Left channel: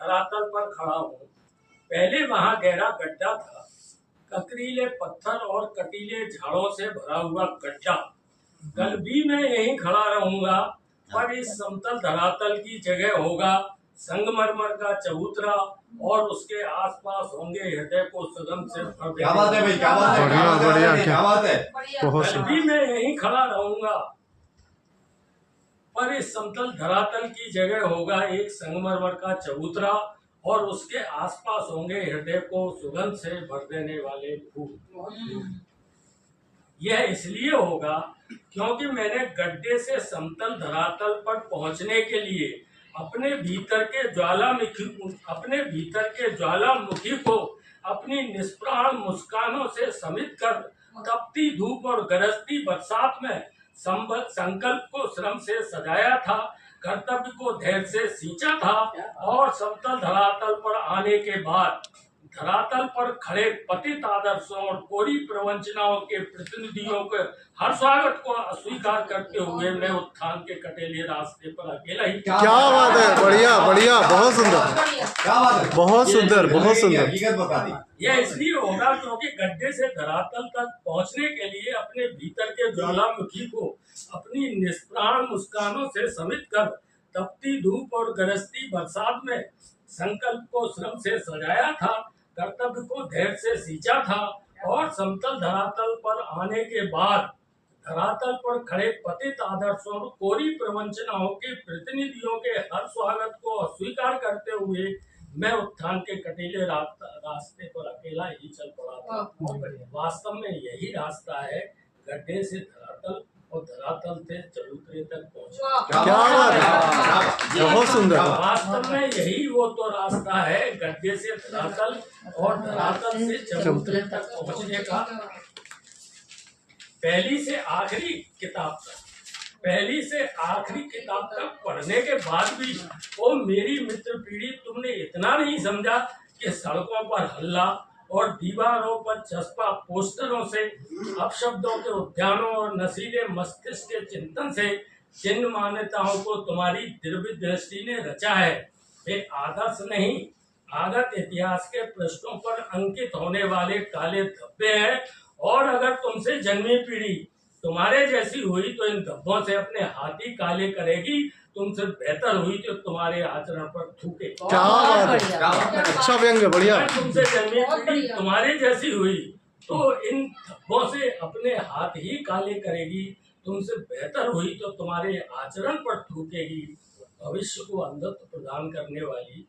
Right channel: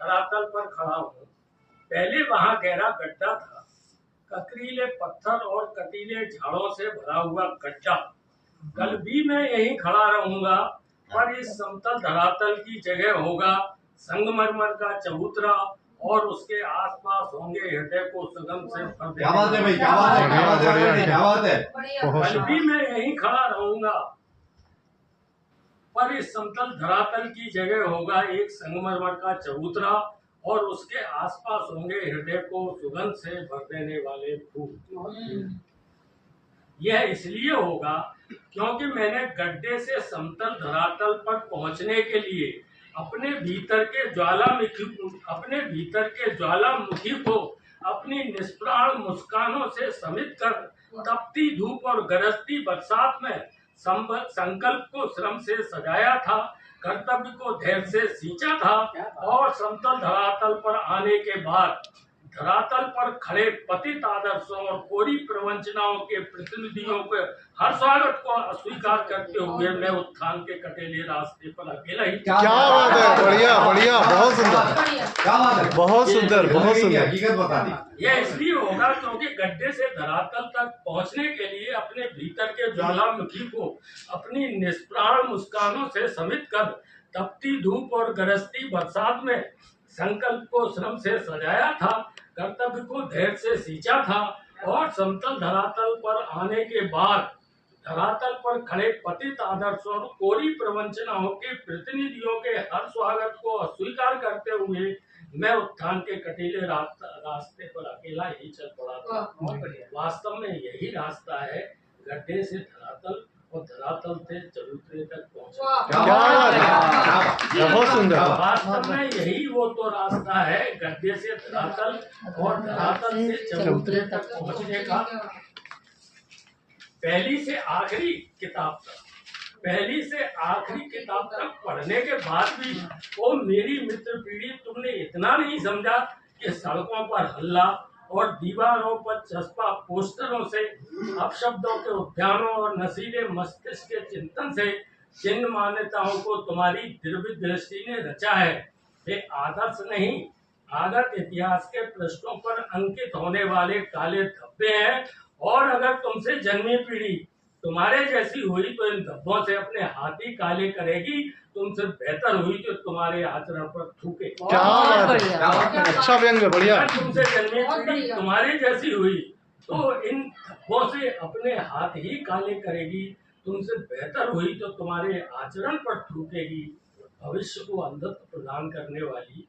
धरातल पर खड़ा हूँ। पहले वहां गहरा गड्ढा था, ककरीले पत्थर और कटीले झाड़ों से भरा हुआ गड्ढा। कल भी मैं यहीं खड़ा रहूंगा, पर इस समतल धरातल की जगह होगा संगमरमर का चबूतरा और उसके आसपास होंगे हृदय को सुगम से भर देने। क्या बात है भाई, क्या बात है, क्या बात है, क्या बात है। कल भी मैं यहीं खड़ा रहूंगा, पर इस समतल धरातल की जगह होगा एक संगमरमर का चबूतरा और उसके आसपास होंगे हृदय को सुगंध से भर देने वाले फूल। यह इसलिए होगा क्योंकि मैंने गड्ढे से समतल धरातल पर पहुंचने के लिए अपने भीतर के ज्वालामुखी को अपनी निष्प्राण मुस्कानों से समित कर तपती धूप और गरजती बरसात में संकल्प को श्रम से सजाया था, कर्तव्य को धैर्य से सींचा था और समतल धरातल पर आने के बाद धरातल पर खड़े पतित आदर्शों और कोरी प्रवंचनाओं के प्रतिनिधियों के हर स्वागत को अस्वीकार करते हुए मैं उत्थान के कटेले रास्ते पर अकेला ही। क्या बात है, बढ़िया बढ़िया, बहुत सुंदर, क्या बात है, बहुत सुंदर, बहुत सुंदर। हकीकत बता दी। यह इसलिए होगा क्योंकि गड्ढे से धरातल तक पहुंचने के लिए अपने भीतर के ज्वालामुखी को अपनी निष्प्राण मुस्कानों से समित कर तपती धूप और गरजती बरसात में संकल्प को श्रम से सजाया था, कर्तव्य को धैर्य से सींचा था और समतल धरातल पर आने के बाद धरातल पर खड़े पतित आदर्शों और कोरी प्रवंचनाओं के प्रतिनिधियों के हर स्वागत को अस्वीकार करते हुए मैं उत्थान के कटीले रास्ते पर अकेला ही चल पड़ा था। वास्तव में यही रास्ता है गड्ढे से धरातल और धरातल से चबूतरे तक पहुंचना। बहुत सुंदर। वास्तव में यही वो तो रास्ता है गड्ढे से धरातल और धरातल से चबूतरे तक पहुंचने का। पहली से आखिरी किताब तक पढ़ने के बाद भी ओ मेरी मित्र पीढ़ी, तुमने इतना नहीं समझा कि सड़कों पर हल्ला और दीवारों पर चस्पा पोस्टरों से, अपशब्दों के उद्यानों और नशीले मस्तिष्क के चिंतन से जिन मान्यताओं को तुम्हारी दिव्य दृष्टि ने रचा है वे आदर्श नहीं, आगत इतिहास के पृष्ठों पर अंकित होने वाले काले धब्बे हैं। और अगर तुमसे जन्मी पीढ़ी तुम्हारे जैसी हुई तो इन धब्बों से अपने हाथी काले करेगी, तुमसे बेहतर हुई तो तुम्हारे आचरण पर थूके। क्या बात है, अच्छा व्यंग्य, बढ़िया। तुमसे जन्मी पीढ़ी तुम्हारे जैसी हुई तो इन धब्बों से अपने हाथ ही काले करेगी, तुमसे बेहतर हुई तो तुम्हारे आचरण पर थूकेगी। भविष्य को अंधत्व प्रदान करने वाली